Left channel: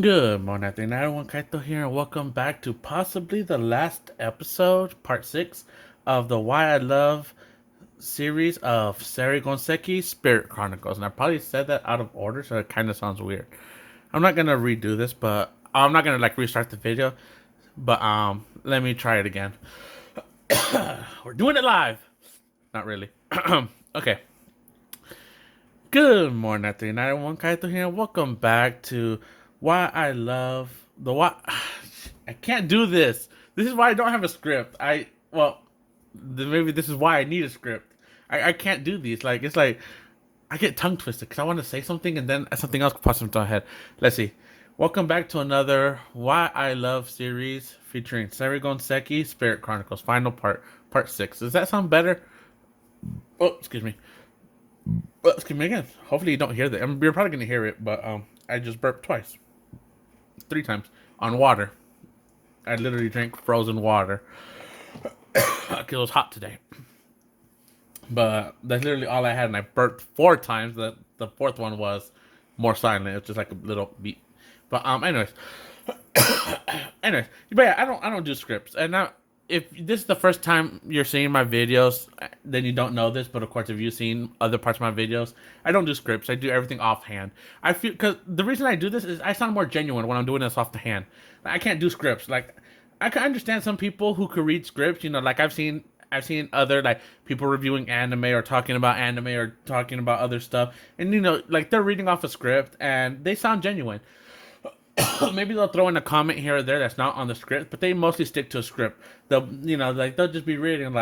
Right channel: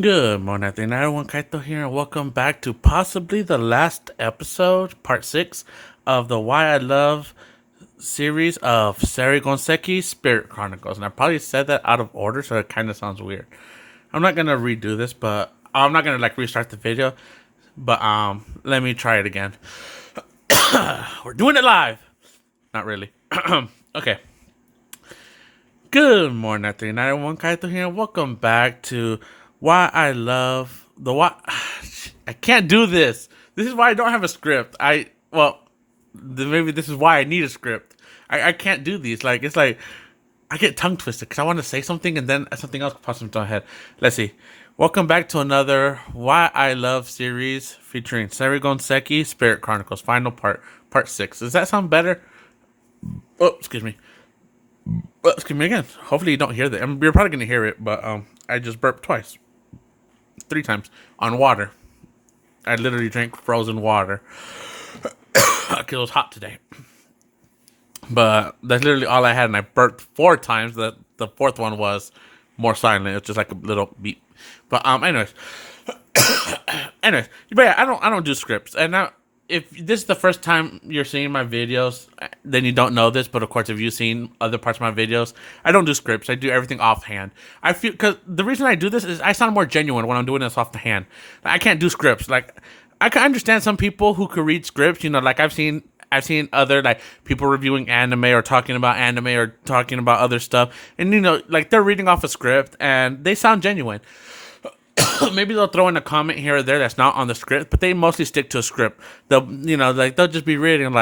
Good morning, everyone. Kaito here, and welcome back to possibly the last episode, part 6 of the Why I Love series of Seirei Gensouki Spirit Chronicles. And I probably said that out of order, so it kind of sounds weird. I'm not gonna redo this, but I'm not gonna restart the video. But let me try it again. We're doing it live. Not really. Okay. Good morning, everyone. Kaito here, and welcome back to Why I Love the Why. I can't do this. This is why I don't have a script. Maybe this is why I need a script. I can't do these. It's like I get tongue twisted because I want to say something and then something else pops into my head. Let's see. Welcome back to another Why I Love series featuring Seirei Gensouki Spirit Chronicles, final part 6. Does that sound better? Oh, excuse me. Excuse me again. Hopefully you don't hear that. You're probably gonna hear it, but I just burped twice, 3 times on water. I literally drank frozen water because it was hot today. But that's literally all I had, and I burped 4 times. The fourth one was more silent. It was just like a little beep. But anyways, but yeah, I don't do scripts, and now if this is the first time you're seeing my videos, then you don't know this. But of course, if you've seen other parts of my videos, I don't do scripts. I do everything offhand. I feel because the reason I do this is I sound more genuine when I'm doing this off the hand. I can't do scripts. I can understand some people who could read scripts. I've seen other people reviewing anime or talking about other stuff, and they're reading off a script and they sound genuine. Maybe they'll throw in a comment here or there that's not on the script, but they mostly stick to a script. They'll just be reading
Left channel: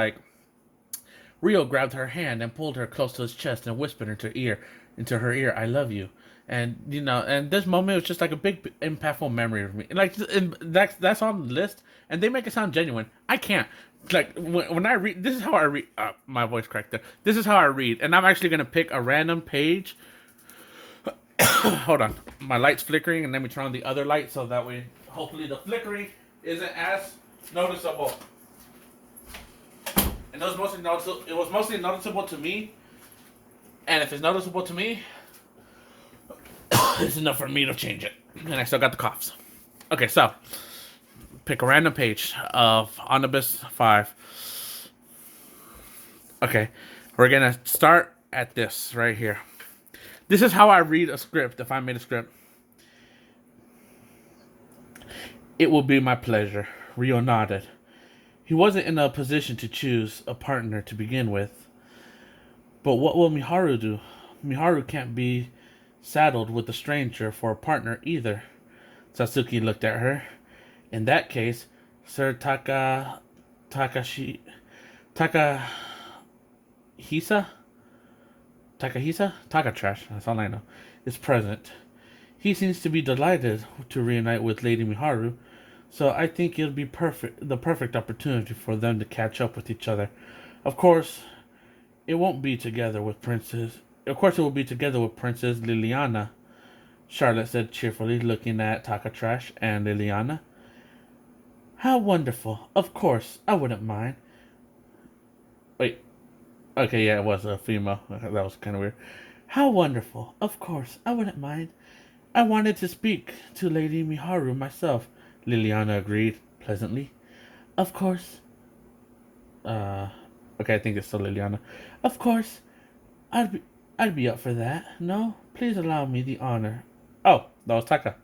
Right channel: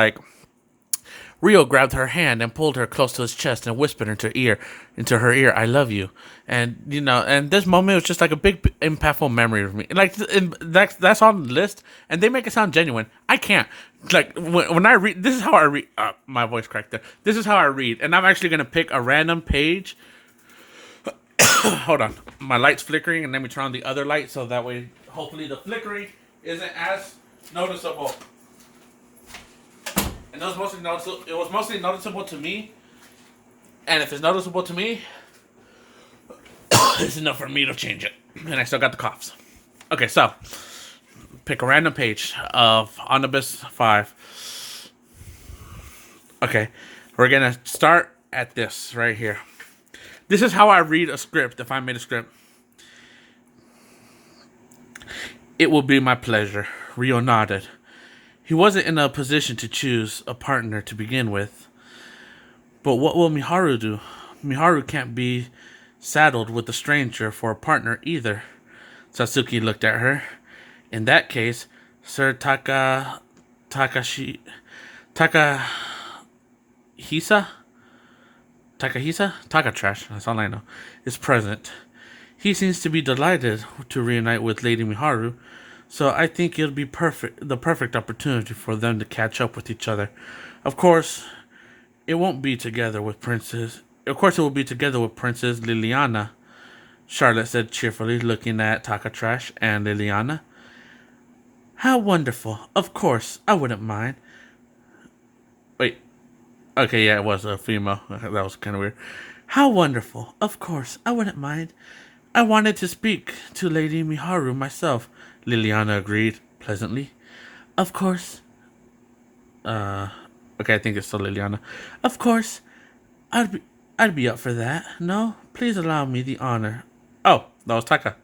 Rio grabbed her hand and pulled her close to his chest and whispered into her ear, "I love you." And this moment was just like a big impactful memory for me. That's on the list, and they make it sound genuine. I can't. When I read, this is how I read. My voice cracked there. This is how I read, and I'm actually gonna pick a random page. Hold on, my light's flickering, and let me turn on the other light so that way, hopefully, the flickering isn't as noticeable. And it was mostly noticeable. It was mostly noticeable to me, and if it's noticeable to me, it's enough for me to change it. And I still got the coughs. Okay, so pick a random page of Omnibus 5. Okay, we're gonna start at this right here. This is how I read a script if I made a script. It will be my pleasure. Rio nodded. He wasn't in a position to choose a partner to begin with. But what will Miharu do? Miharu can't be saddled with a stranger for a partner either. Sasuke looked at her. In that case, Sir Takahisa? Takatrash, that's all I know, is present. He seems to be delighted to reunite with Lady Miharu, so I think it'll be the perfect opportunity for them to catch up with each other. Of course, it won't be together with Princess. Of course, it will be together with Princess Liliana, Charlotte said cheerfully, looking at Takatrash and Liliana. How wonderful. Of course, I wouldn't mind. Wait. Okay, yeah, it was a female. That was kind of weird. How wonderful. Of course, I wouldn't mind. I wanted to speak to Lady Miharu myself, Liliana agreed pleasantly. Of course. Okay, I think it's still Liliana. Of course, I'd be up for that. No, please allow me the honor. Oh, that was Taka.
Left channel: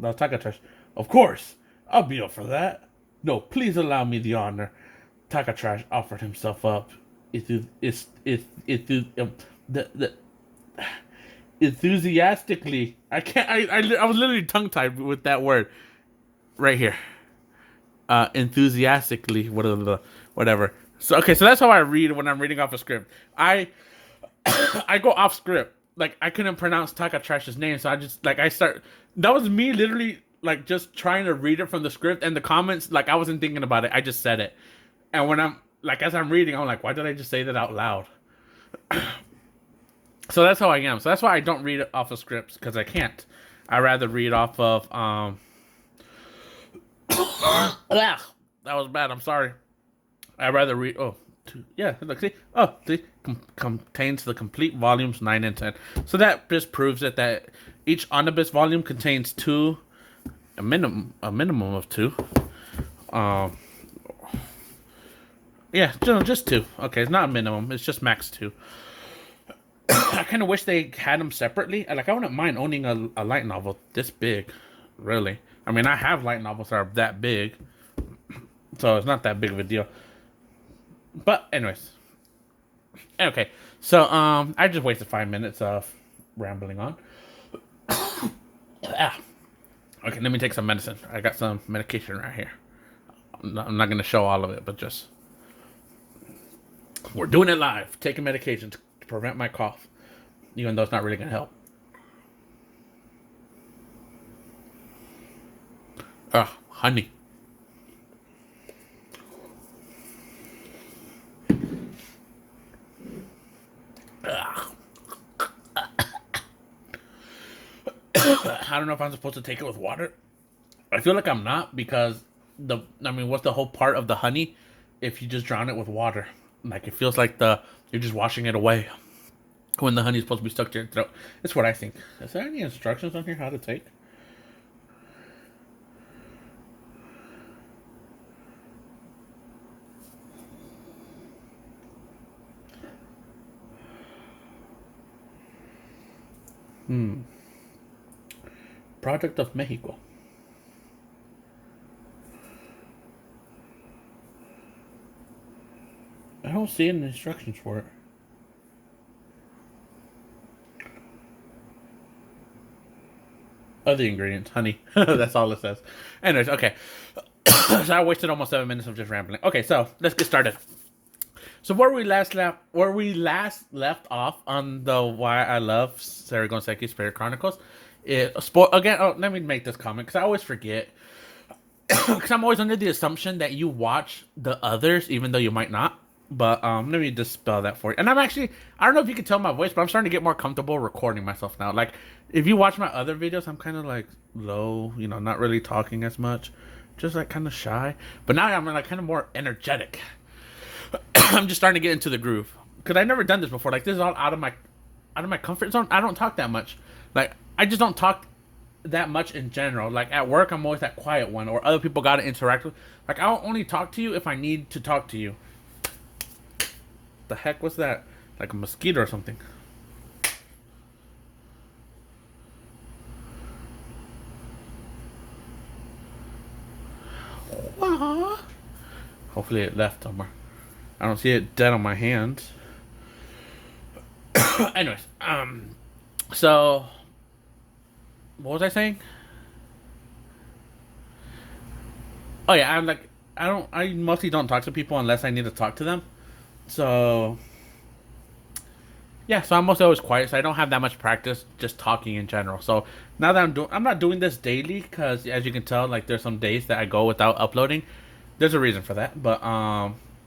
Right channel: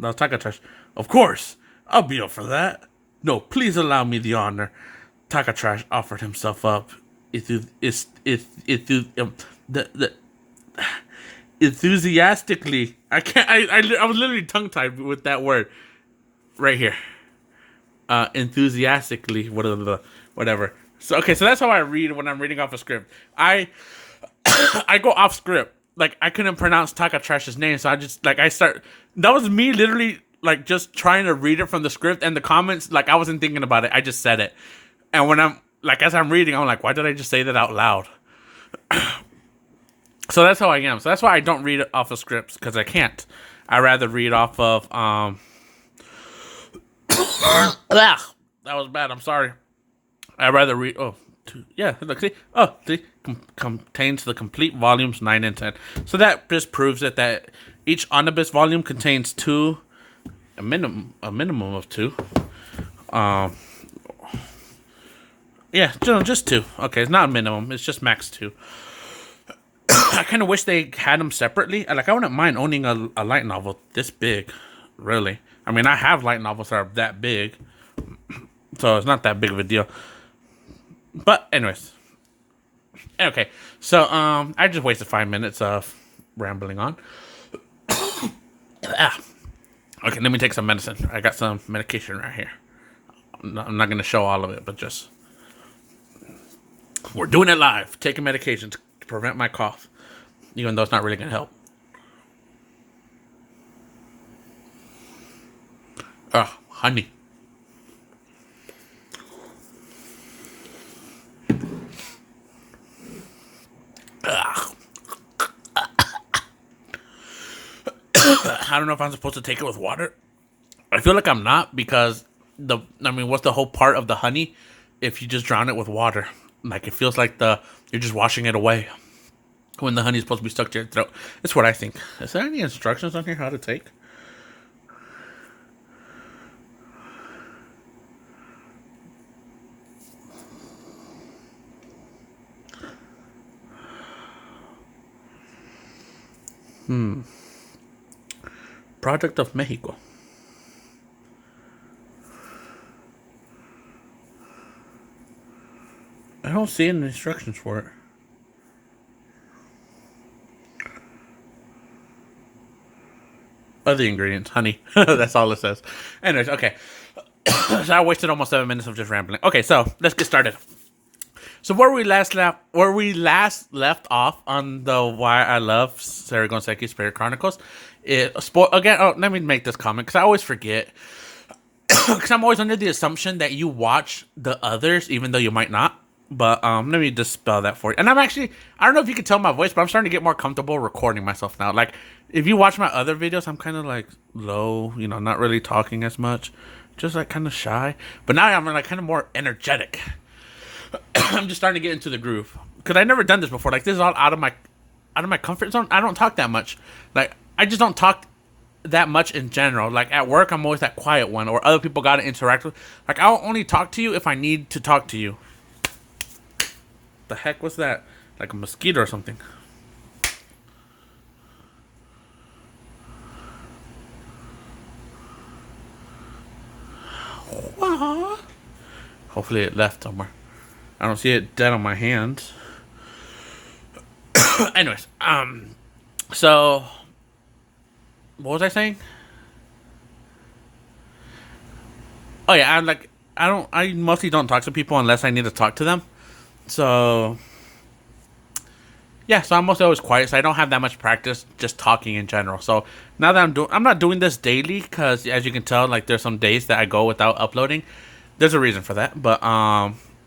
That was Takatrash. Of course, I'll be up for that. No, please allow me the honor. Takatrash offered himself up. Enthusiastically. I can't. I was literally tongue tied with that word right here. Enthusiastically, whatever. So okay, so that's how I read when I'm reading off a script. I go off script. I couldn't pronounce Takatrash's name, so I just I start. That was me literally just trying to read it from the script, and the comments I wasn't thinking about it. I just said it, and when I'm as I'm reading, I'm like, why did I just say that out loud? So that's how I am. So that's why I don't read it off of scripts because I can't. I rather read off of that was bad. I'm sorry. I rather read. Look, see. Contains the complete volumes 9 and 10. So that just proves that each omnibus volume contains two a minimum of 2. Um, yeah, just 2. Okay, it's not a minimum. It's just max 2. I kind of wish they had them separately. Like, I wouldn't mind owning a light novel this big, really. I mean, I have light novels that are that big, so it's not that big of a deal. But anyways, okay. So I just wasted 5 minutes of rambling on. Ah. Okay, let me take some medicine. I got some medication right here. I'm not gonna show all of it, but just we're doing it live. Taking medication to prevent my cough, even though it's not really gonna help. Honey. I don't know if I'm supposed to take it with water. I feel like I'm not because what's the whole part of the honey if you just drown it with water? Like, it feels like you're just washing it away when the honey's supposed to be stuck to your throat. That's what I think. Is there any instructions on here how to take? Product of Mexico. I don't see any instructions for it. Other ingredients, honey. That's all it says. Anyways, okay. So I wasted almost 7 minutes of just rambling. Okay, so let's get started. So where we last left off on the why I love Seirei Gensouki Spirit Chronicles. Again. Oh, let me make this comment because I always forget. Because I'm always under the assumption that you watch the others, even though you might not. But let me just spell that for you. And I don't know if you can tell my voice, but I'm starting to get more comfortable recording myself now. Like, if you watch my other videos, I'm kind of like low, not really talking as much, just like kind of shy. But now I'm like kind of more energetic. I'm just starting to get into the groove because I've never done this before. Like, this is all out of my comfort zone. I don't talk that much. Like, I just don't talk that much in general. Like, at work, I'm always that quiet one, or other people got to interact with. Like, I'll only talk to you if I need to talk to you. The heck was that? Like a mosquito or something. Hopefully it left somewhere. I don't see it dead on my hands. Anyways, so what was I saying? Oh yeah, I mostly don't talk to people unless I need to talk to them. So yeah, so I'm mostly always quiet, so I don't have that much practice just talking in general. So now that I'm not doing this daily because, as you can tell, like, there's some days that I go without uploading. There's a reason for that, but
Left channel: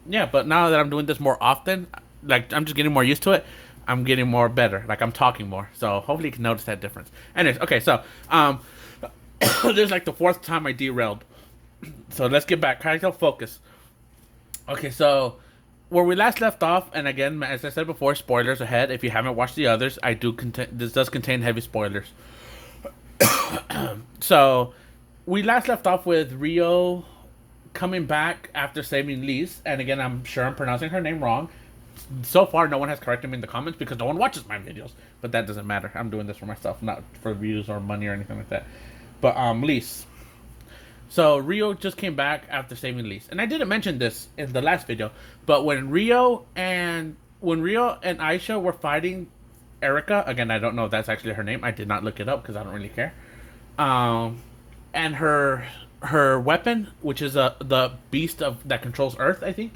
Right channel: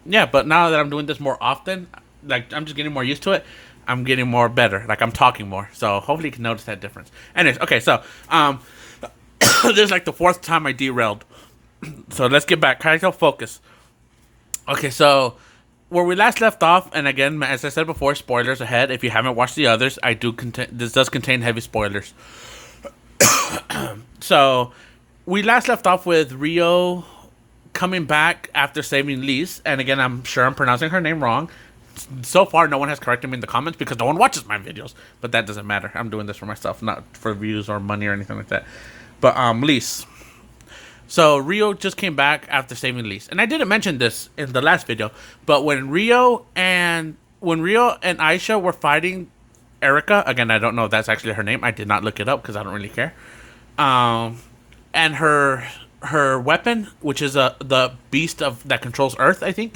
yeah. But now that I'm doing this more often, like, I'm just getting more used to it. I'm getting more better. Like, I'm talking more, so hopefully you can notice that difference. Anyways, okay, so this is like the 4th time I derailed. So let's get back. Kaito, focus. Okay, so where we last left off, and again, as I said before, spoilers ahead. If you haven't watched the others, this does contain heavy spoilers. So we last left off with Rio coming back after saving Lise, and again, I'm sure I'm pronouncing her name wrong. So far, no one has corrected me in the comments because no one watches my videos, but that doesn't matter. I'm doing this for myself, not for views or money or anything like that. But Lise. So Rio just came back after saving Lise, and I didn't mention this in the last video, but when Rio and Aisha were fighting Erica, again, I don't know if that's actually her name. I did not look it up because I don't really care. And her weapon, which is the beast that controls Earth, I think.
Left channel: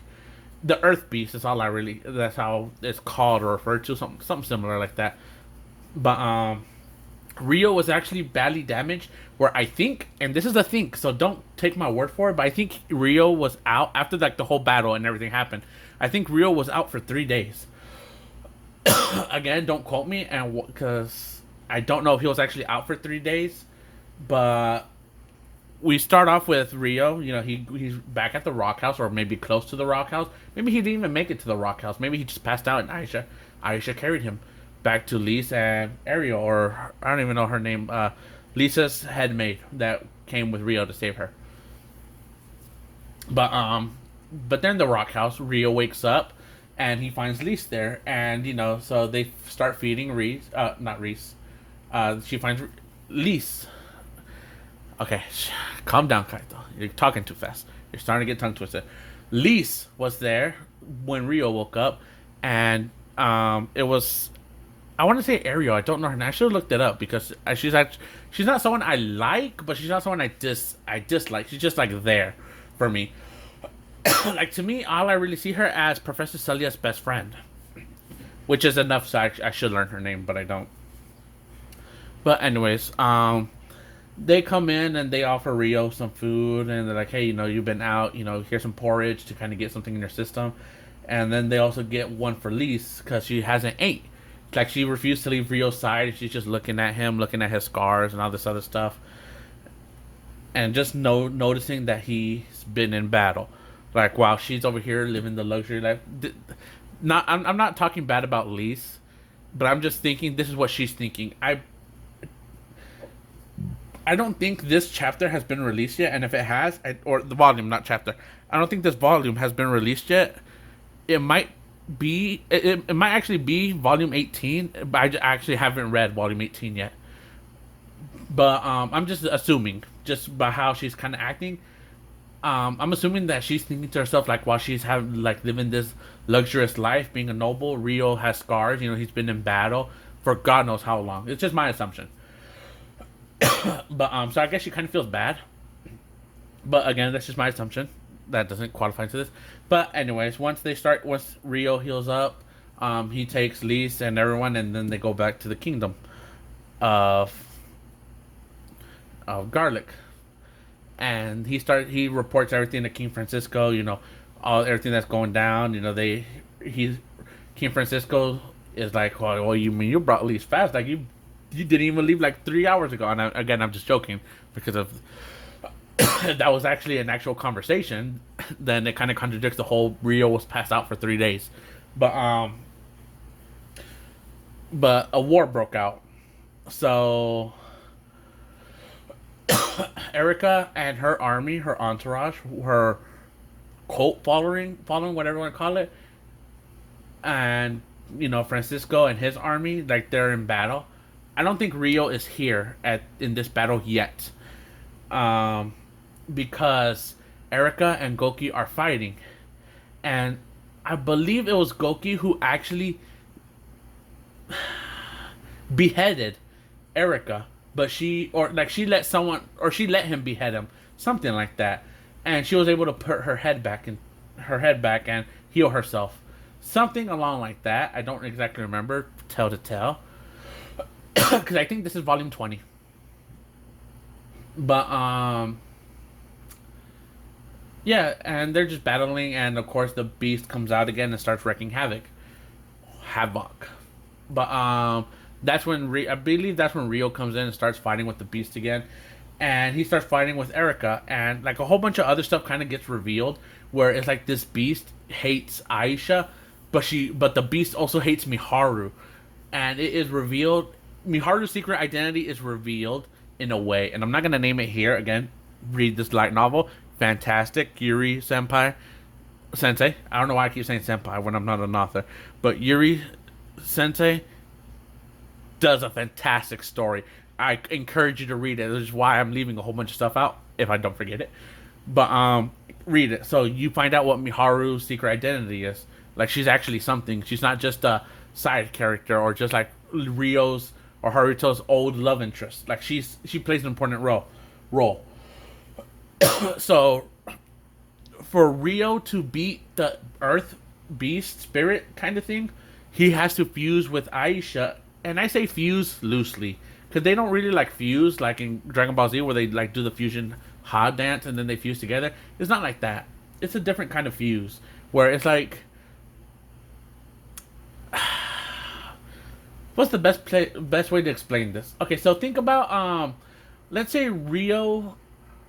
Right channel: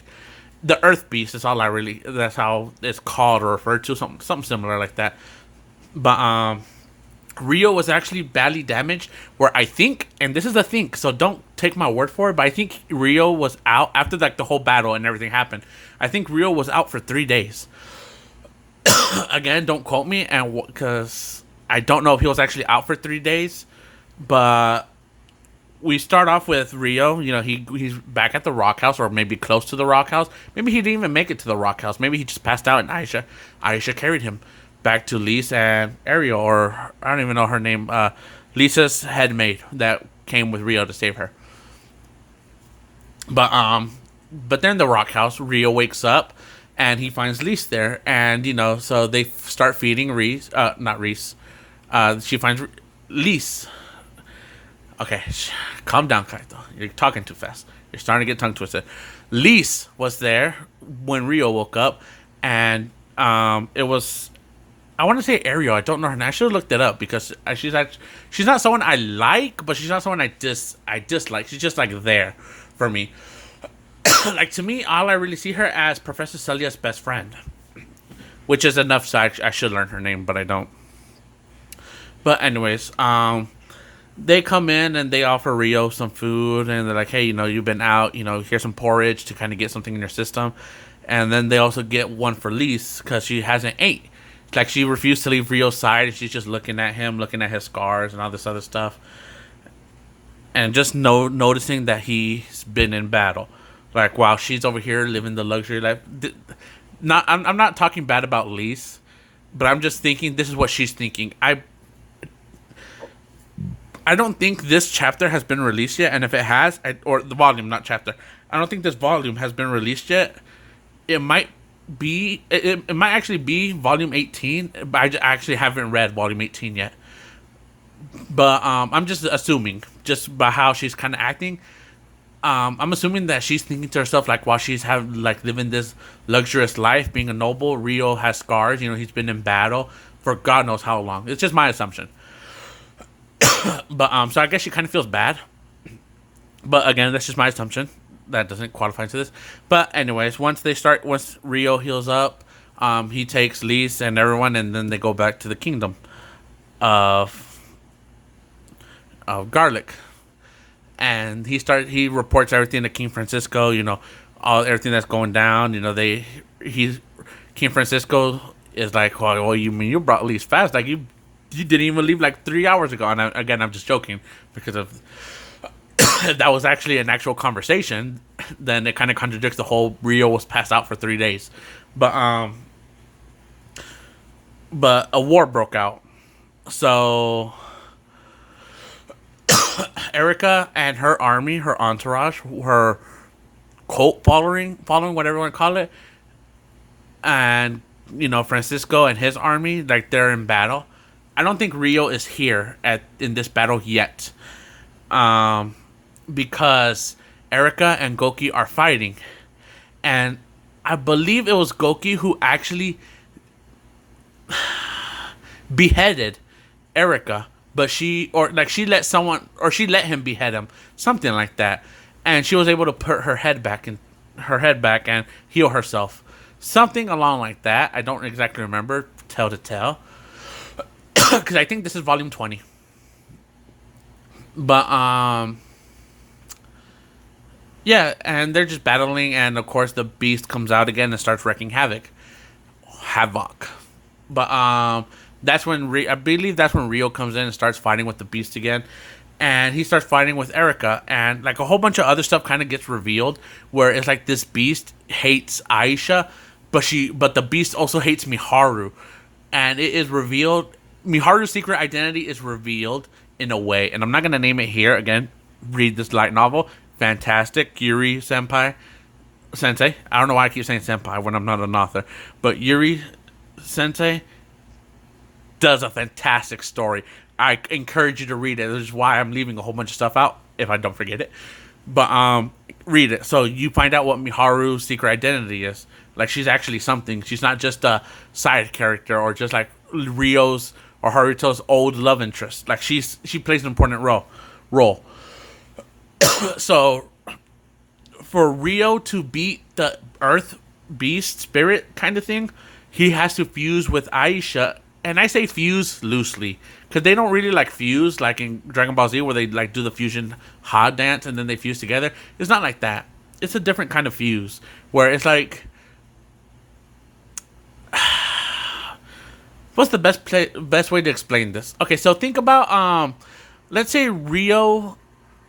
The Earth Beast is that's how it's called or referred to, something similar like that. But Rio was actually badly damaged, where I think, and this is the thing, so don't take my word for it, but I think Rio was out after, like, the whole battle and everything happened. I think Rio was out for 3 days. Again, don't quote me, and because I don't know if he was actually out for 3 days, but we start off with Rio. He's back at the Rock House, or maybe close to the Rock House. Maybe he didn't even make it to the Rock House. Maybe he just passed out, and Aisha carried him back to Lise and Ariel, or I don't even know her name, Lisa's headmaid that came with Rio to save her. But then the rock house, Rio wakes up and he finds Lise there, and so they start feeding Reese, not Reese. She finds Lise. Okay, calm down, Kaito. You're talking too fast. You're starting to get tongue twisted. Lise was there when Rio woke up, and it was, I want to say Ariel. I don't know her name. I should have looked it up because she's not someone I like, but she's not someone I dislike. She's just like there for me. Like, to me, all I really see her as Professor Celia's best friend, which is enough. So I should learn her name, but I don't. But anyways, they come in and they offer Rio some food, and they're like, hey, you've been out, here's some porridge to kind of get something in your system. And then they also get one for Lise because she hasn't ate. Like, she refused to leave Rio's side, and she's just looking at him, looking at his scars and all this other stuff. And just noticing that he's been in battle. Like, while she's over here living the luxury life. I'm not talking bad about Lise, but I'm just thinking this is what she's thinking. I don't think this chapter has been released yet, and if it has, or the volume, not chapter, I don't think this volume has been released yet. It might be, it might actually be volume 18, but I actually haven't read volume 18 yet. But I'm just assuming, just by how she's kind of acting, I'm assuming that she's thinking to herself, like, while she's living this luxurious life, being a noble, Rio has scars. He's been in battle for God knows how long. It's just my assumption. But so I guess she kind of feels bad. But again, that's just my assumption. That doesn't qualify to this. But anyways, once Rio heals up, he takes Lise and everyone, and then they go back to the kingdom of Garlic. And he reports everything to King Francisco, everything that's going down. King Francisco is like, well, you mean you brought Lise fast? Like, you didn't even leave like 3 hours ago. And I'm just joking because of that was actually an actual conversation. Then it kind of contradicts the whole Rio was passed out for 3 days. But a war broke out. So Erica and her army, her entourage, her cult following, whatever you want to call it, and Francisco and his army, like, they're in battle. I don't think Rio is here in this battle yet, because Erica and Goki are fighting, and I believe it was Goki who actually beheaded Erica, but she let him behead him, something like that, and she was able to put her head back and heal herself, something along like that. I don't exactly remember, tell to tell. Because I think this is volume 20. But, yeah, and they're just battling, and of course the beast comes out again and starts wreaking havoc. But, that's when, I believe that's when Rio comes in and starts fighting with the beast again. And he starts fighting with Erica, and, like, a whole bunch of other stuff kind of gets revealed, where it's like this beast hates Aisha, but the beast also hates Miharu. And it is revealed, Miharu's secret identity is revealed in a way, and I'm not going to name it here. Again, read this light novel. Fantastic. Yuri Sensei. I don't know why I keep saying senpai when I'm not an author. But Yuri Sensei does a fantastic story. I encourage you to read it. This is why I'm leaving a whole bunch of stuff out, if I don't forget it. But read it. So you find out what Miharu's secret identity is. Like, she's actually something. She's not just a side character or just like Rio's or Haruto's old love interest. Like, she plays an important role. So for Rio to beat the Earth Beast spirit kind of thing, he has to fuse with Aisha. And I say fuse loosely, because they don't really like fuse like in Dragon Ball Z, where they like do the fusion ha dance and then they fuse together. It's not like that. It's a different kind of fuse, where it's like, what's the best way to explain this? Okay, so think about let's say Rio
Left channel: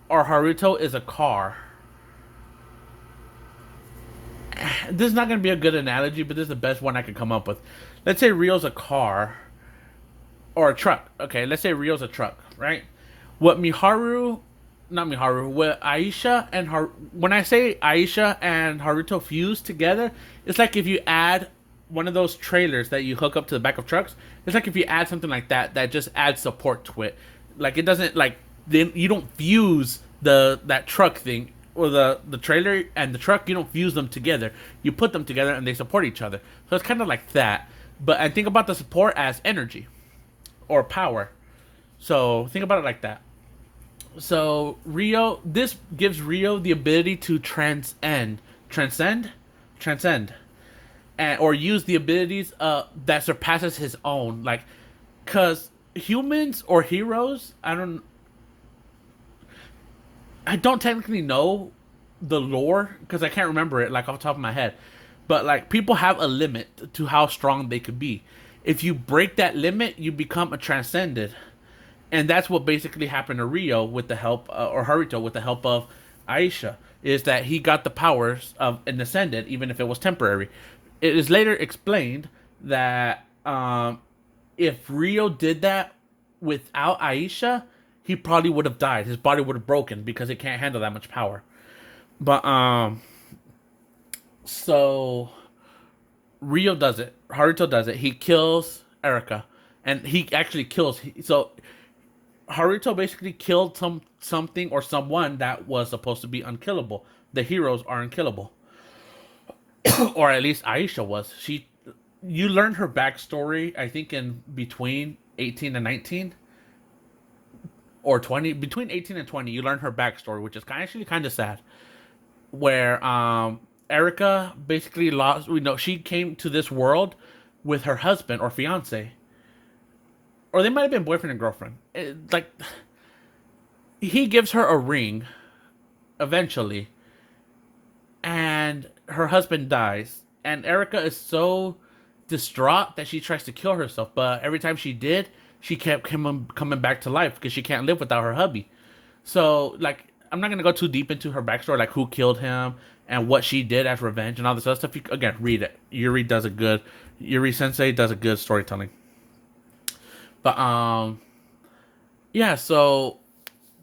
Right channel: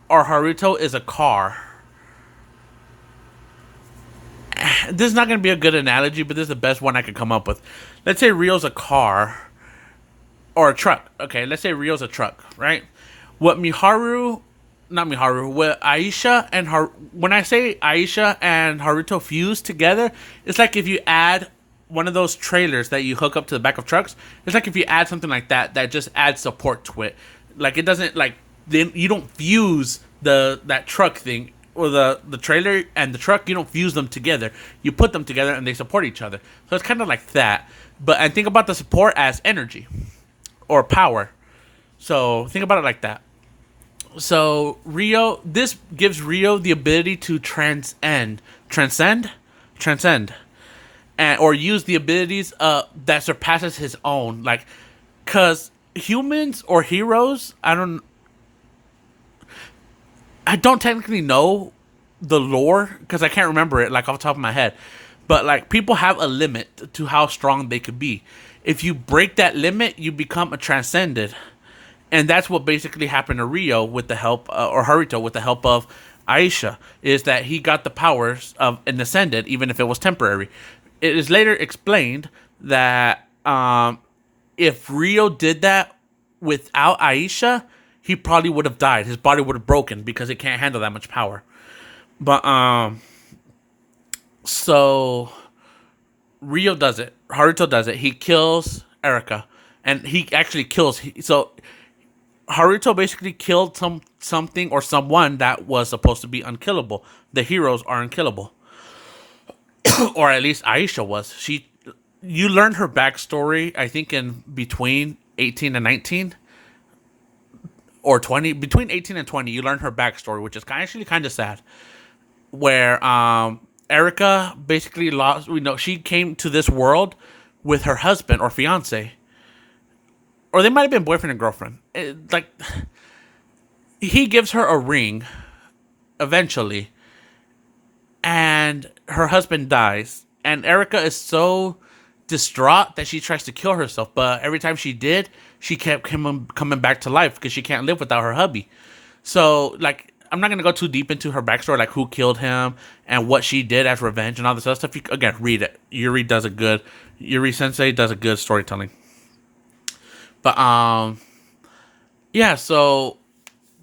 or Haruto is a car. This is not going to be a good analogy, but this is the best one I could come up with. Let's say Rio's a car or a truck. Okay, let's say Rio's a truck, right? What Miharu not Miharu, with Aisha and her. When I say Aisha and Haruto fuse together, it's like if you add one of those trailers that you hook up to the back of trucks. It's like if you add something like that just adds support to it. Like it doesn't like then you don't fuse that truck thing or the trailer and the truck. You don't fuse them together. You put them together and they support each other. So it's kind of like that. But I think about the support as energy or power. So think about it like that. So Rio, this gives Rio the ability to transcend, and or use the abilities that surpasses his own. Like, cause humans or heroes, I don't technically know the lore because I can't remember it like off the top of my head. But like people have a limit to how strong they could be. If you break that limit, you become a transcended, and that's what basically happened to Rio with the help, or Haruto with the help of Aisha, is that he got the powers of an ascendant, even if it was temporary. It is later explained that if Rio did that without Aisha, he probably would have died. His body would have broken because it can't handle that much power. But so Rio does it. Haruto does it. He kills Erika, and he actually kills. So Haruto basically killed something or someone that was supposed to be unkillable. The heroes are unkillable, or at least Aisha was. You learn her backstory. I think in between 18 and 19, or 20, between 18 and 20, you learn her backstory, which is actually kind of sad. Where Erika basically lost. We know she came to this world with her husband or fiance, or they might have been boyfriend and girlfriend. Like he gives her a ring, eventually, and her husband dies, and Erika is so distraught that she tries to kill herself. But every time she did, she kept coming back to life because she can't live without her hubby. So like, I'm not gonna go too deep into her backstory, like who killed him and what she did as revenge and all this other stuff. Again, read it. Yuri Sensei does a good storytelling. But yeah. So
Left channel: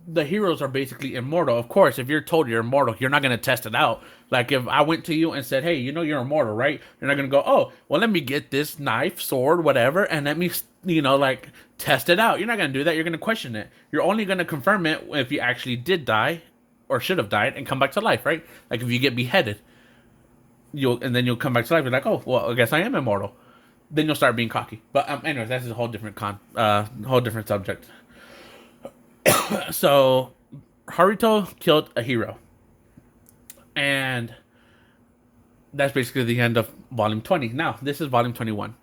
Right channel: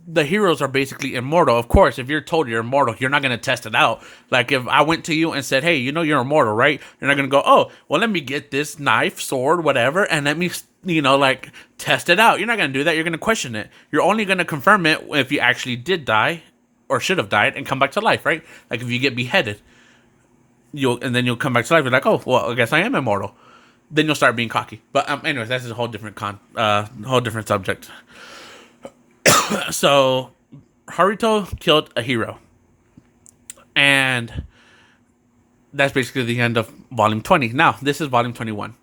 the heroes are basically immortal. Of course, if you're told you're immortal, you're not gonna test it out. Like if I went to you and said, "Hey, you know you're immortal, right?" You're not gonna go, "Oh, well, let me get this knife, sword, whatever, and let me, like test it out." You're not gonna do that. You're gonna question it. You're only gonna confirm it if you actually did die or should have died and come back to life, right? Like if you get beheaded, you'll come back to life. You're like, "Oh, well, I guess I am immortal." Then you'll start being cocky. But anyways, that's a whole different whole different subject. So Haruto killed a hero, and that's basically the end of volume 20. Now this is volume 21.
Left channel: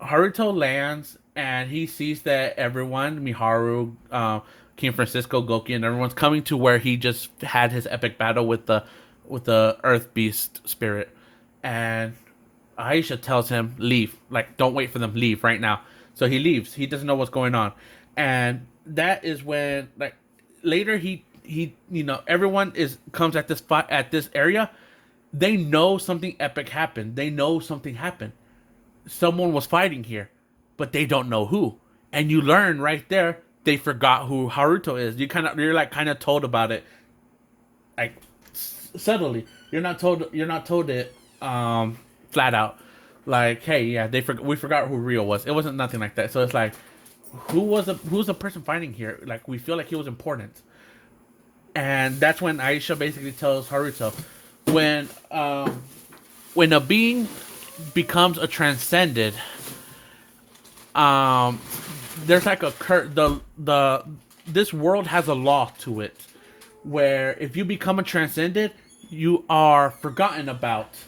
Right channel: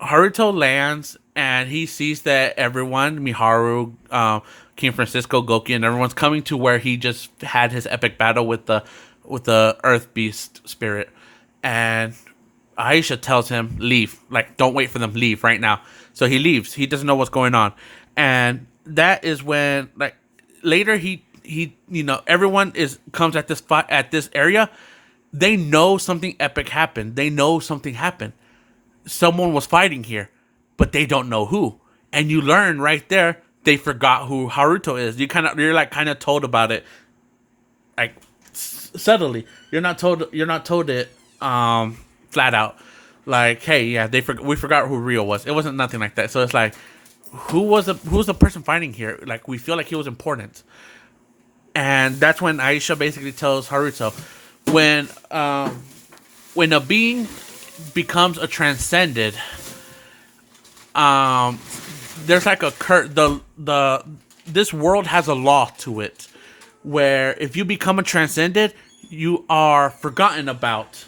Haruto lands and he sees that everyone, Miharu, King Francisco, Goki, and everyone's coming to where he just had his epic battle with the Earth Beast spirit. And Aisha tells him, leave. Like, don't wait for them. Leave right now. So he leaves. He doesn't know what's going on. And that is when, like, later he everyone comes at this area. They know something epic happened. They know something happened. Someone was fighting here, but they don't know who. And you learn right there they forgot who Haruto is. You're like kind of told about it, like subtly. You're not told it flat out. Like, hey, yeah, we forgot who Rio was. It wasn't nothing like that. So it's like, who's the person fighting here? Like, we feel like he was important. And that's when Aisha basically tells Haruto, when a being becomes a transcended, there's like this world has a law to it, where if you become a transcended, you are forgotten about.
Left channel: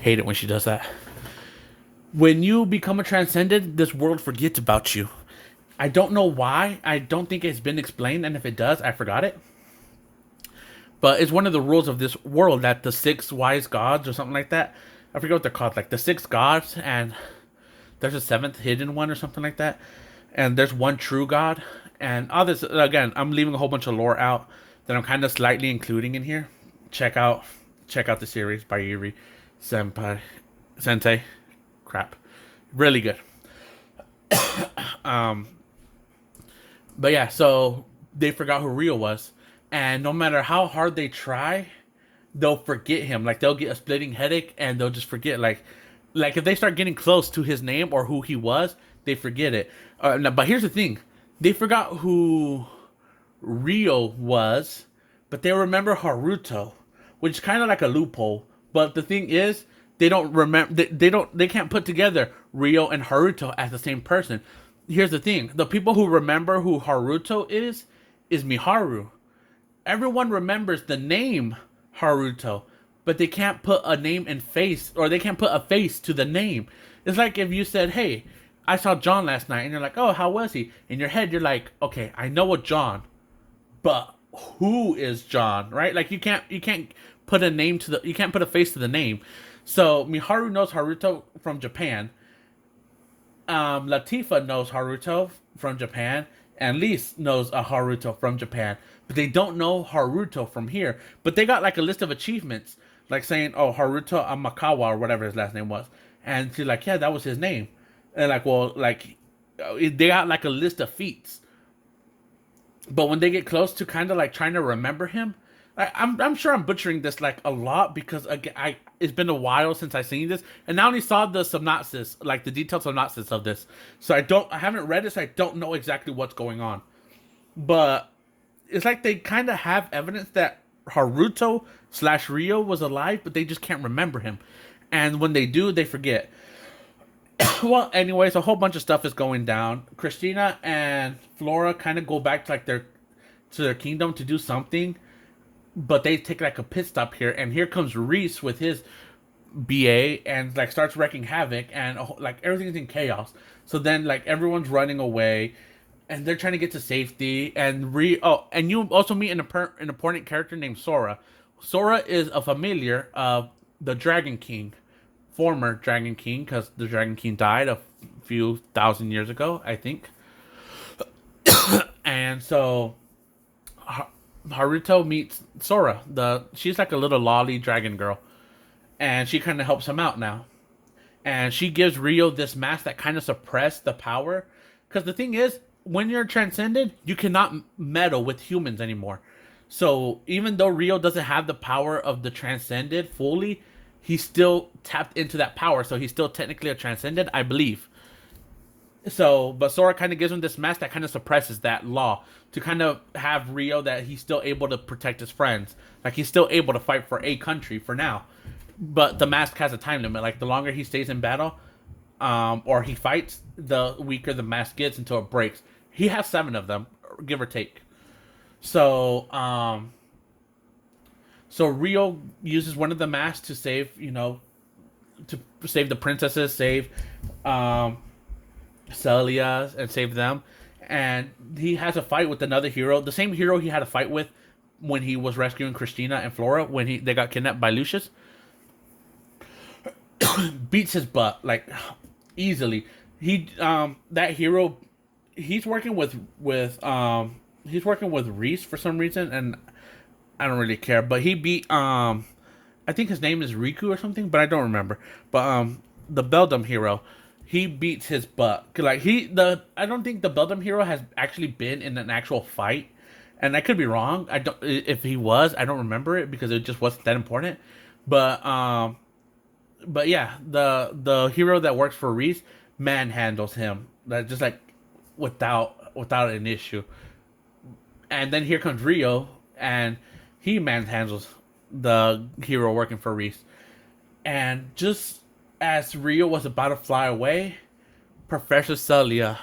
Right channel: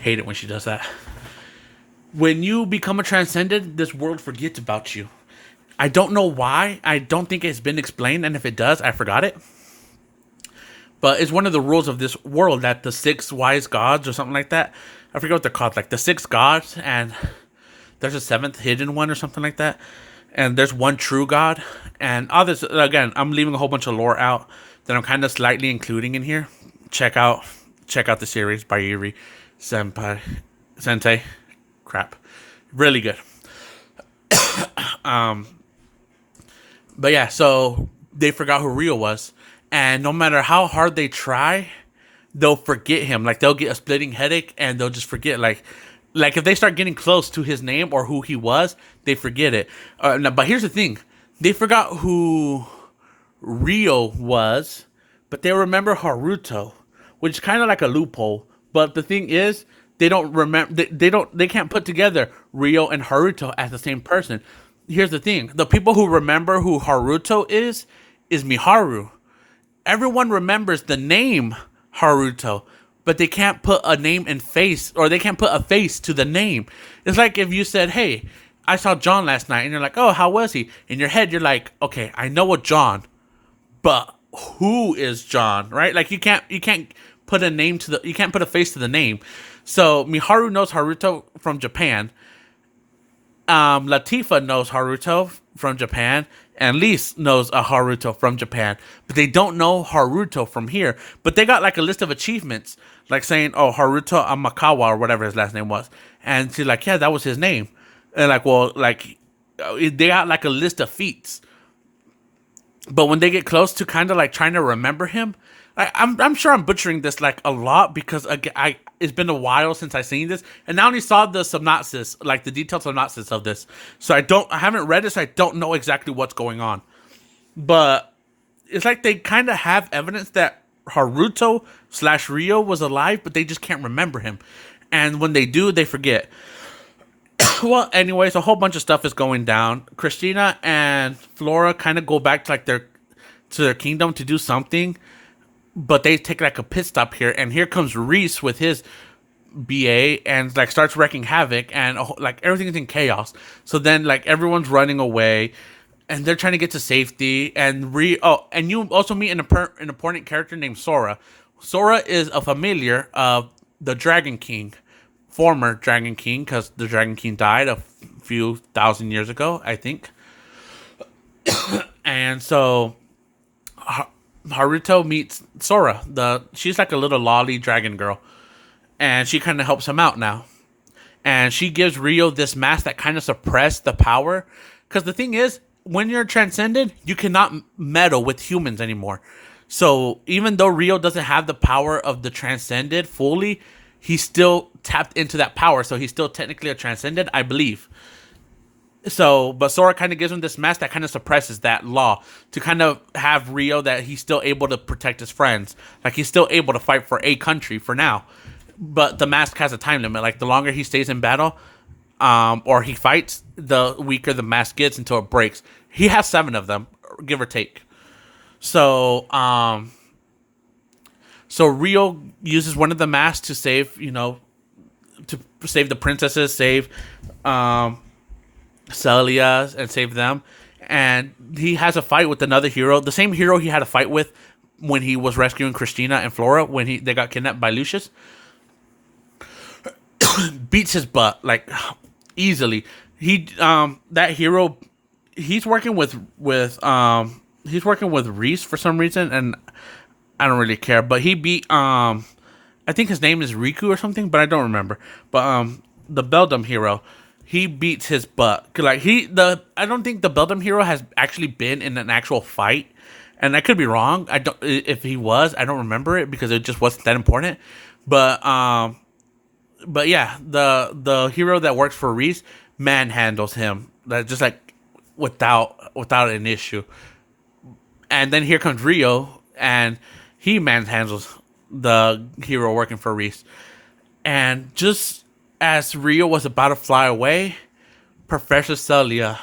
Hate it when she does that. When you become a transcendent, this world forgets about you. I don't know why. I don't think it's been explained, and if it does, I forgot it. But it's one of the rules of this world that the 6 wise gods or something like that, I forget what they're called, like the 6 gods, and there's a 7th hidden one or something like that, and there's one true god, and all this, again, I'm leaving a whole bunch of lore out that I'm kind of slightly including in here. Check out check out the series by Yuri Senpai. Sensei. Crap. Really good. But yeah, so they forgot who Rio was. And no matter how hard they try, they'll forget him. Like, they'll get a splitting headache and they'll just forget. Like if they start getting close to his name or who he was, they forget it. But here's the thing. They forgot who Rio was, but they remember Haruto, which is kind of like a loophole. But the thing is, they don't remember. They can't put together Rio and Haruto as the same person. Here's the thing: the people who remember who Haruto is Miharu. Everyone remembers the name Haruto, but they can't put a name and face, or they can't put a face to the name. It's like if you said, "Hey, I saw John last night," and you're like, "Oh, how was he?" In your head, you're like, "Okay, I know a John, but who is John?" Right? Like you can't put a name to you can't put a face to the name. So Miharu knows Haruto from Japan. Latifa knows Haruto from Japan, and Lise knows a Haruto from Japan, but they don't know Haruto from here. But they got like a list of achievements, like saying, "Oh, Haruto Amakawa," or whatever his last name was, and she's like, "Yeah, that was his name." And like, well, like they got like a list of feats, but when they get close to kind of like trying to remember him, I'm sure I'm butchering this like a lot because again, it's been a while since I seen this, and I only saw the synopsis, like the detailed synopsis of this. So I haven't read it, so I don't know exactly what's going on. But it's like they kind of have evidence that Haruto/Rio was alive, but they just can't remember him. And when they do, they forget. Well, anyways, a whole bunch of stuff is going down. Christina and Flora kind of go back to like their kingdom to do something, but they take like a pit stop here, and here comes Reese with his BA and like starts wrecking havoc, and like everything's in chaos. So then like everyone's running away, and they're trying to get to safety. And and you also meet an important character named Sora. Sora is a familiar of the Dragon King, former Dragon King, because the Dragon King died a few thousand years ago, I think. And so Haruto meets Sora. She's like a little lolly dragon girl, and she kind of helps him out now. And she gives Rio this mask that kind of suppressed the power, because the thing is, when you're transcended, you cannot meddle with humans anymore. So even though Rio doesn't have the power of the transcended fully, he still tapped into that power, so he's still technically a transcended, I believe. So, but Sora kind of gives him this mask that kind of suppresses that law to kind of have Rio that he's still able to protect his friends. Like, he's still able to fight for a country for now. But the mask has a time limit. Like, the longer he stays in battle, or he fights, the weaker the mask gets until it breaks. He has 7 of them, give or take. So, so Rio uses one of the masks to save, to save the princesses, save, Celia, and save them. And he has a fight with another hero, the same hero he had a fight with when he was rescuing Christina and Flora when they got kidnapped by Lucius. Beats his butt like easily. That hero, he's working with Reese for some reason, and I don't really care. But he beat I think his name is Riku or something, but I don't remember. But the Beldam hero, he beats his butt. Like I don't think the Beldam hero has actually been in an actual fight, and I could be wrong. If he was, I don't remember it because it just wasn't that important. But yeah, the hero that works for Reese manhandles him. That just like without an issue. And then here comes Rio, and he manhandles the hero working for Reese. And just as Rio was about to fly away, Professor Celia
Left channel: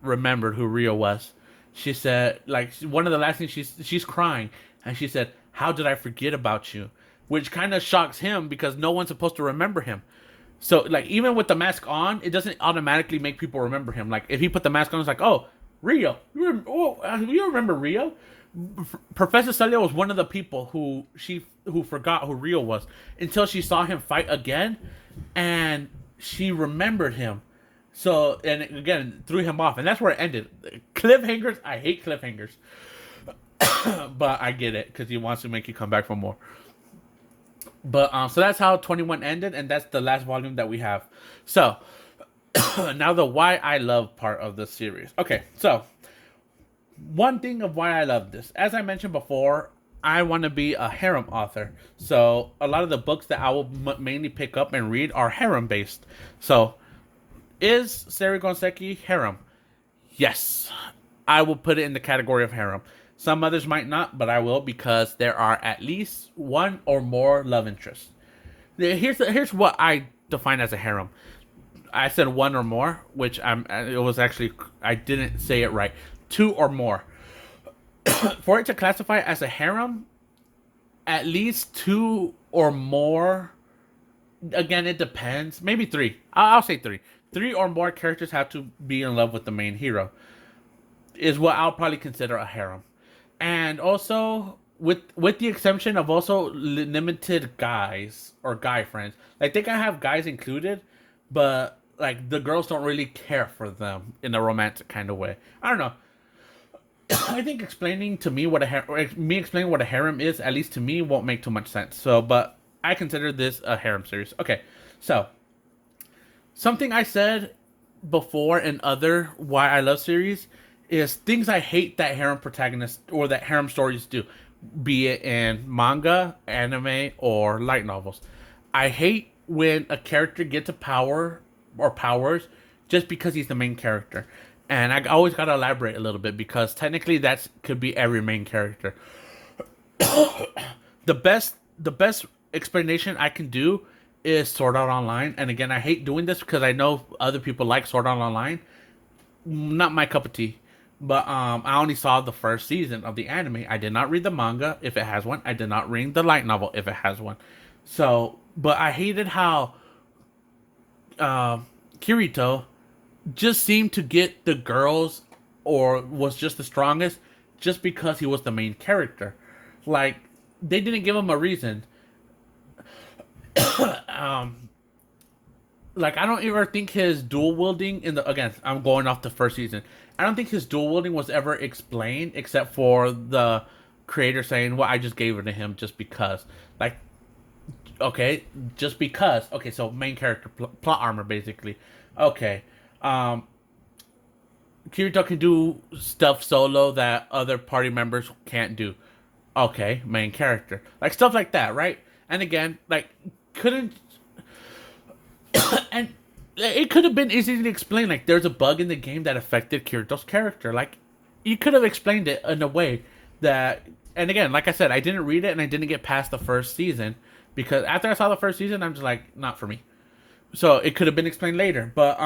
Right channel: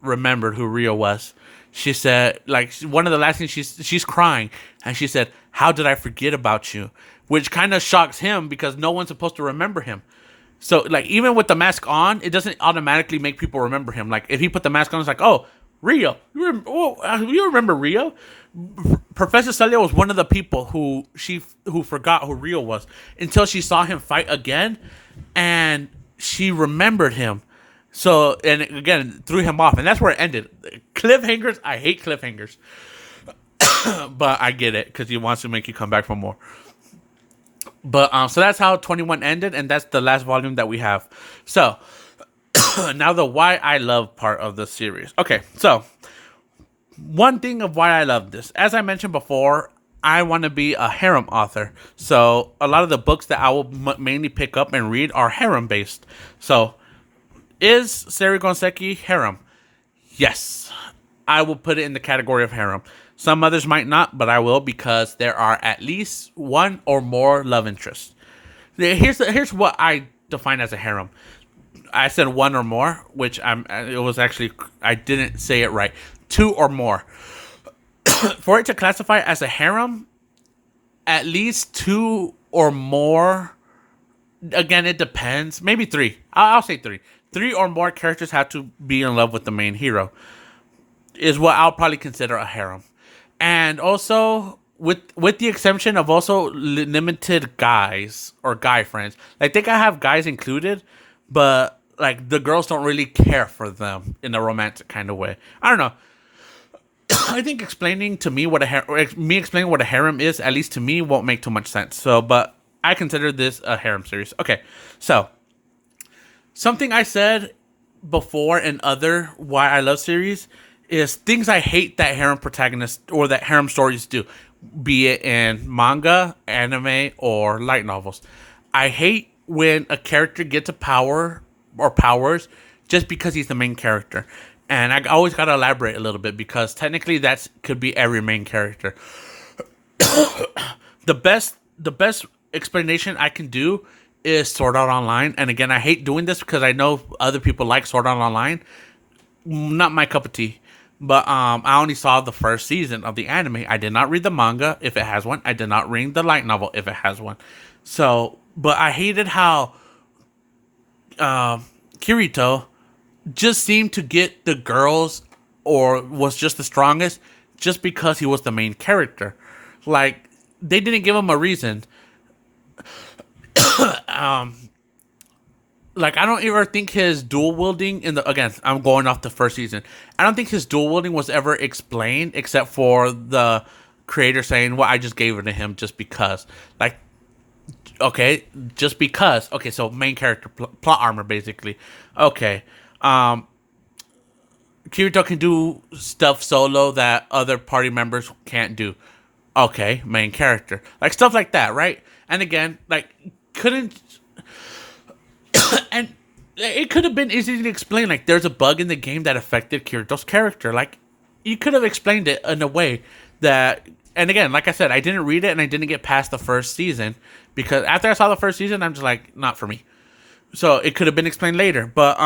remembered who Rio was. She said, like, one of the last things she's crying, and she said, "How did I forget about you?" Which kind of shocks him because no one's supposed to remember him. So, like, even with the mask on, it doesn't automatically make people remember him. Like, if he put the mask on, it's like, "Oh, Rio, you remember Rio?" Professor Celia was one of the people who forgot who Rio was until she saw him fight again, and she remembered him. So, and again, threw him off, and that's where it ended. Cliffhangers, I hate cliffhangers, but I get it because he wants to make you come back for more. But so that's how 21 ended, and that's the last volume that we have. So now the why I love part of the series. Okay, so one thing of why I love this, as I mentioned before, I want to be a harem author. So a lot of the books that I will mainly pick up and read are harem based. So is Seirei Gensouki harem? Yes, I will put it in the category of harem. Some others might not, but I will because there are at least one or more love interests. Here's what I define as a harem. I said one or more, which it was actually I didn't say it right. Two or more. For it to classify as a harem, at least two or more. Again, it depends. Maybe three. I'll say three. Three or more characters have to be in love with the main hero. Is what I'll probably consider a harem. And also, with the exception of also limited guys or guy friends, like they can have guys included, but like the girls don't really care for them in a romantic kind of way. I don't know. I think explaining to me what me explaining what a harem is, at least to me, won't make too much sense. So, but I consider this a harem series. Okay, so something I said before in other why I love series is things I hate that harem protagonists or that harem stories do, be it in manga, anime, or light novels. I hate when a character gets a power or powers just because he's the main character. And I always gotta elaborate a little bit because technically that could be every main character. The best explanation I can do is Sword Art Online. And again, I hate doing this because I know other people like Sword Art Online. Not my cup of tea. But I only saw the first season of the anime. I did not read the manga if it has one. I did not read the light novel if it has one. So, but I hated how Kirito just seemed to get the girls or was just the strongest just because he was the main character. Like, they didn't give him a reason. Like, I don't ever think his dual wielding again, I'm going off the first season. I don't think his dual wielding was ever explained except for the creator saying, well, I just gave it to him just because. Like, okay, just because. Okay, so main character, plot armor, basically. Okay. Kirito can do stuff solo that other party members can't do. Okay, main character. Like, stuff like that, right? And again, like, couldn't... and it could have been easily explained. Like, there's a bug in the game that affected Kirito's character. Like, you could have explained it in a way that... And again, like I said, I didn't read it and I didn't get past the first season. Because after I saw the first season, I'm just like, not for me. So, it could have been explained later. But,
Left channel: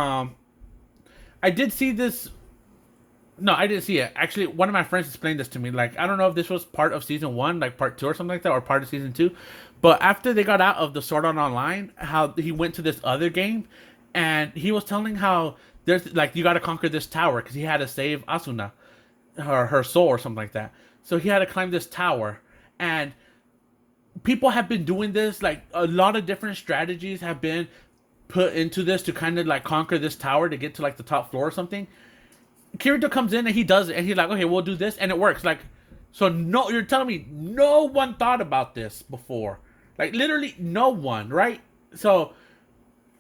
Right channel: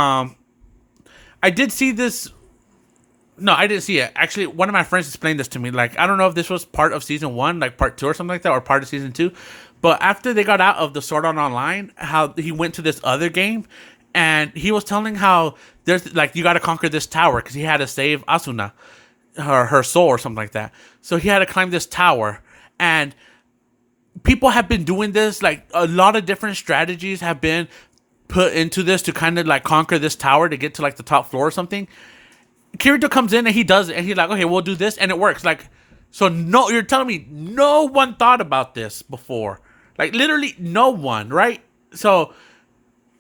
I did see this... No, I didn't see it. Actually, one of my friends explained this to me. Like, I don't know if this was part of season 1, like part 2 or something like that, or part of season 2. But after they got out of the Sword Art Online, how he went to this other game, and he was telling how there's, like, you got to conquer this tower, because he had to save Asuna, her soul or something like that. So he had to climb this tower, and people have been doing this, like, a lot of different strategies have been put into this to kind of, like, conquer this tower to get to, like, the top floor or something. Kirito comes in and he does it, and he's like, okay, we'll do this, and it works. Like, so no, you're telling me no one thought about this before. Like, literally no one, right? So,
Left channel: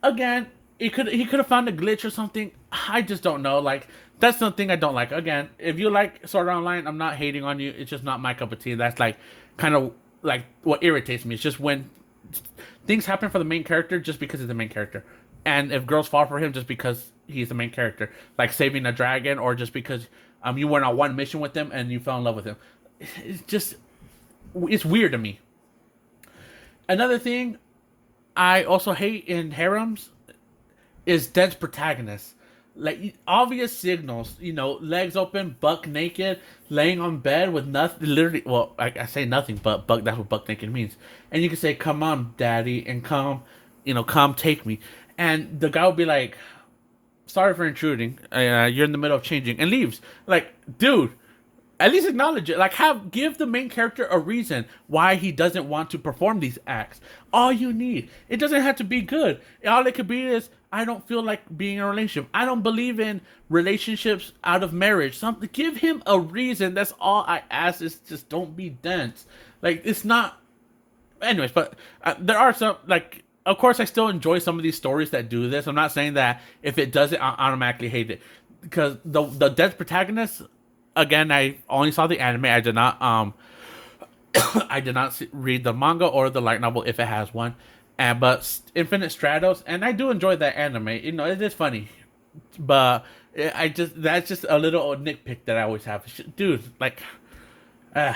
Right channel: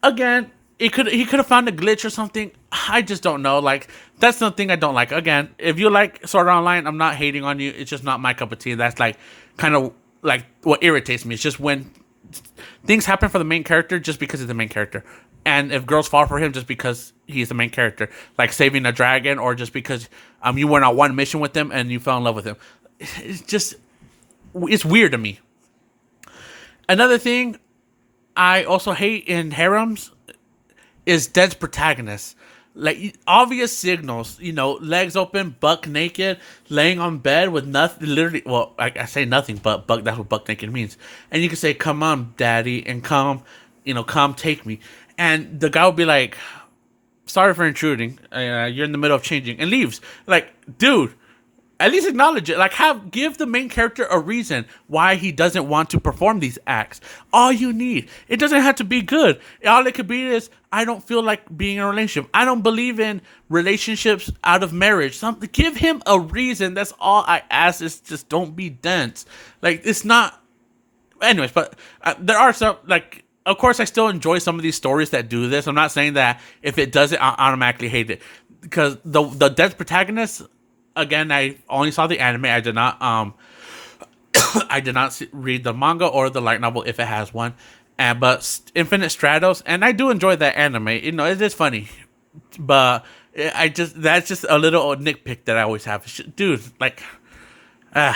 again, he could have found a glitch or something. I just don't know. Like, that's something I don't like. Again, if you like Sword Art Online, I'm not hating on you. It's just not my cup of tea. That's, like, kind of, like, what irritates me. It's just when things happen for the main character just because he's the main character. And if girls fall for him just because he's the main character, like saving a dragon, or just because you went on one mission with him and you fell in love with him, it's weird to me. Another thing I also hate in harems is dense protagonists. Like, obvious signals, legs open, buck naked, laying on bed with nothing, literally, well, I say nothing, but that's what buck naked means. And you can say, come on, daddy, and come take me. And the guy will be like, sorry for intruding. You're in the middle of changing, and leaves. Like, dude, at least acknowledge it. Like, give the main character a reason why he doesn't want to perform these acts. All you need. It doesn't have to be good. All it could be is, I don't feel like being in a relationship. I don't believe in relationships out of marriage. Give him a reason. That's all I ask, is just don't be dense. Like, it's not... anyways, but there are some, like, of course, I still enjoy some of these stories that do this. I'm not saying that if it does it, I automatically hate it, because the dense protagonist. Again, I only saw the anime. I did not I did not read the manga or the light novel if it has one. And but Infinite Stratos, and I do enjoy that anime. You know, it is funny, but I just that's just a little nitpick that I always have, dude. Like, uh,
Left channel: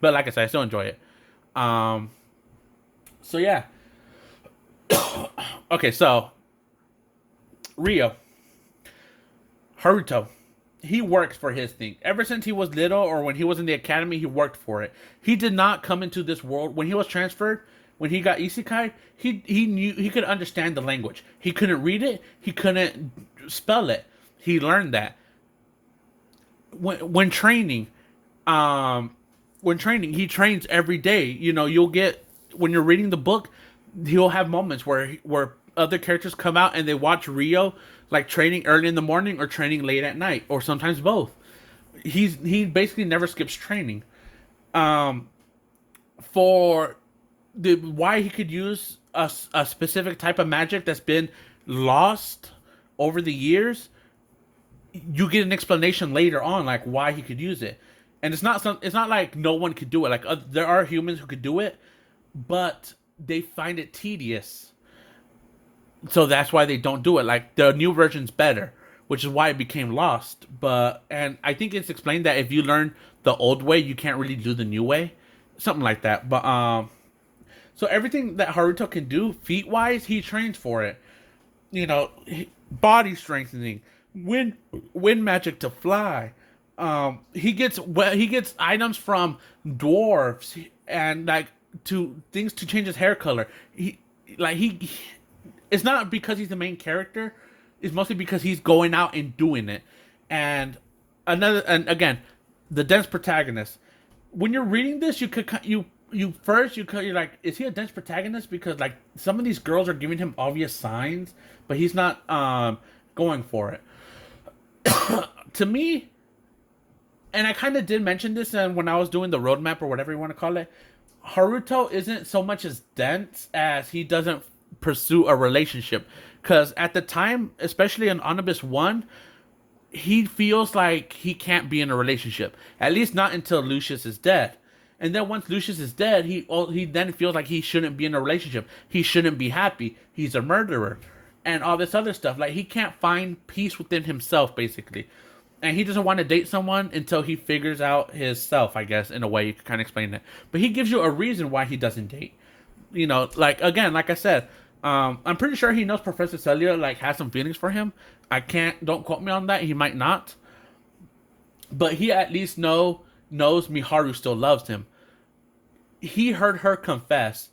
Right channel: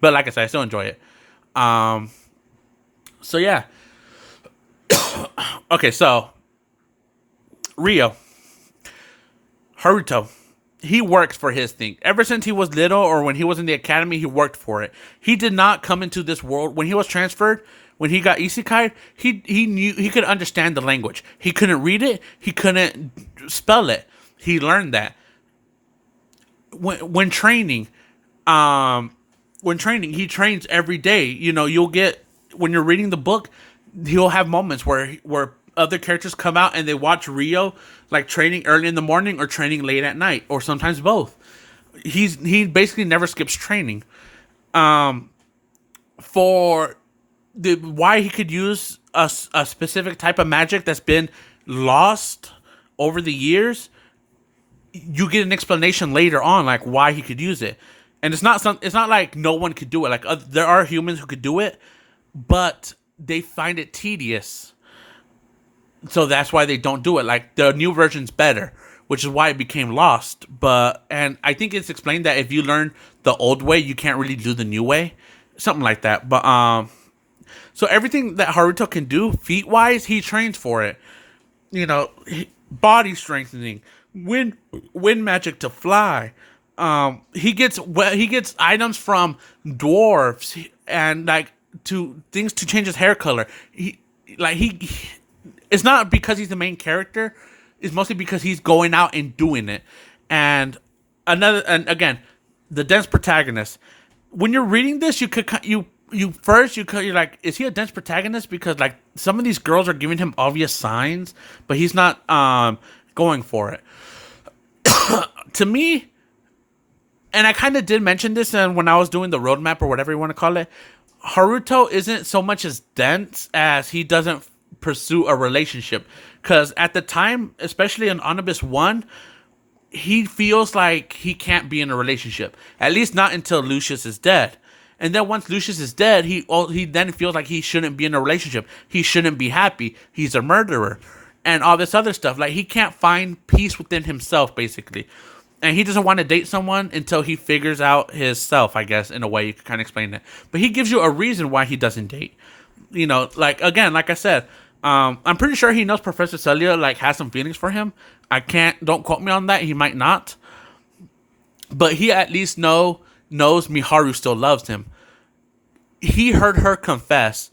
but like I said, I still enjoy it. Um, so yeah. Okay, so Rio Haruto, he works for his thing. Ever since he was little, or when he was in the academy, he worked for it. He did not come into this world when he was transferred. When he got isekai, he knew, he could understand the language. He couldn't read it. He couldn't spell it. He learned that when training. When training, he trains every day. You know, you'll get, when you're reading the book, he'll have moments where other characters come out and they watch Rio like training early in the morning or training late at night, or sometimes both. He basically never skips training. For the why he could use a specific type of magic that's been lost over the years, you get an explanation later on, like why he could use it. And it's not like no one could do it. Like there are humans who could do it, but they find it tedious, so that's why they don't do it. Like the new version's better, which is why it became lost. And I think it's explained that if you learn the old way, you can't really do the new way, something like that. But so everything that Haruto can do feat wise, he trains for it. You know, body strengthening, wind magic to fly. He gets items from dwarves and like to things to change his hair color. It's not because he's the main character. It's mostly because he's going out and doing it. And again, the dense protagonist. When you're reading this, you're like, is he a dense protagonist? Because like some of these girls are giving him obvious signs, but he's not going for it. To me, and I kind of did mention this when I was doing the roadmap or whatever you want to call it, Haruto isn't so much as dense as he doesn't pursue a relationship. Because at the time, especially in Onibus 1, he feels like he can't be in a relationship. At least not until Lucius is dead. And then once Lucius is dead, he then feels like he shouldn't be in a relationship. He shouldn't be happy. He's a murderer. And all this other stuff. Like, he can't find peace within himself, basically. And he doesn't want to date someone until he figures out his self, I guess, in a way you could kind of explain that. But he gives you a reason why he doesn't date. You know, like, again, like I said, I'm pretty sure he knows Professor Celia, like, has some feelings for him. Don't quote me on that. He might not. But he at least knows Miharu still loves him. He heard her confess,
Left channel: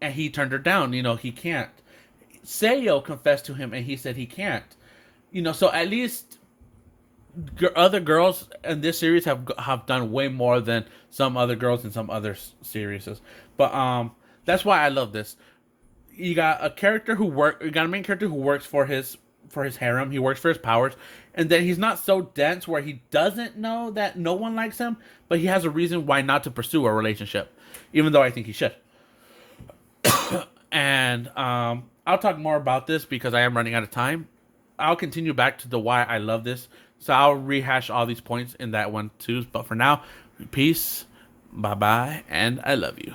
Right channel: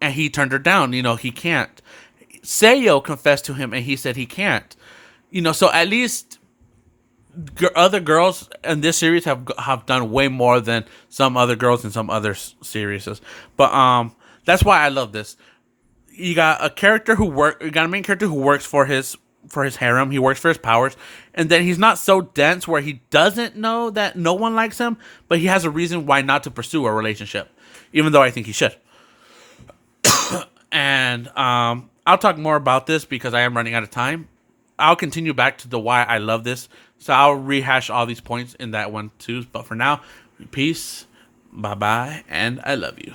and he turned her down. You know, he can't. Seiyo confessed to him, and he said he can't. You know, so at least other girls in this series have done way more than some other girls in some other series. But that's why I love this. You got a main character who works for his harem. He works for his powers, and then he's not so dense where he doesn't know that no one likes him, but he has a reason why not to pursue a relationship, even though I think he should. And I'll talk more about this because I am running out of time. I'll continue back to the why I love this. So I'll rehash all these points in that one too. But for now, peace, bye-bye, and I love you.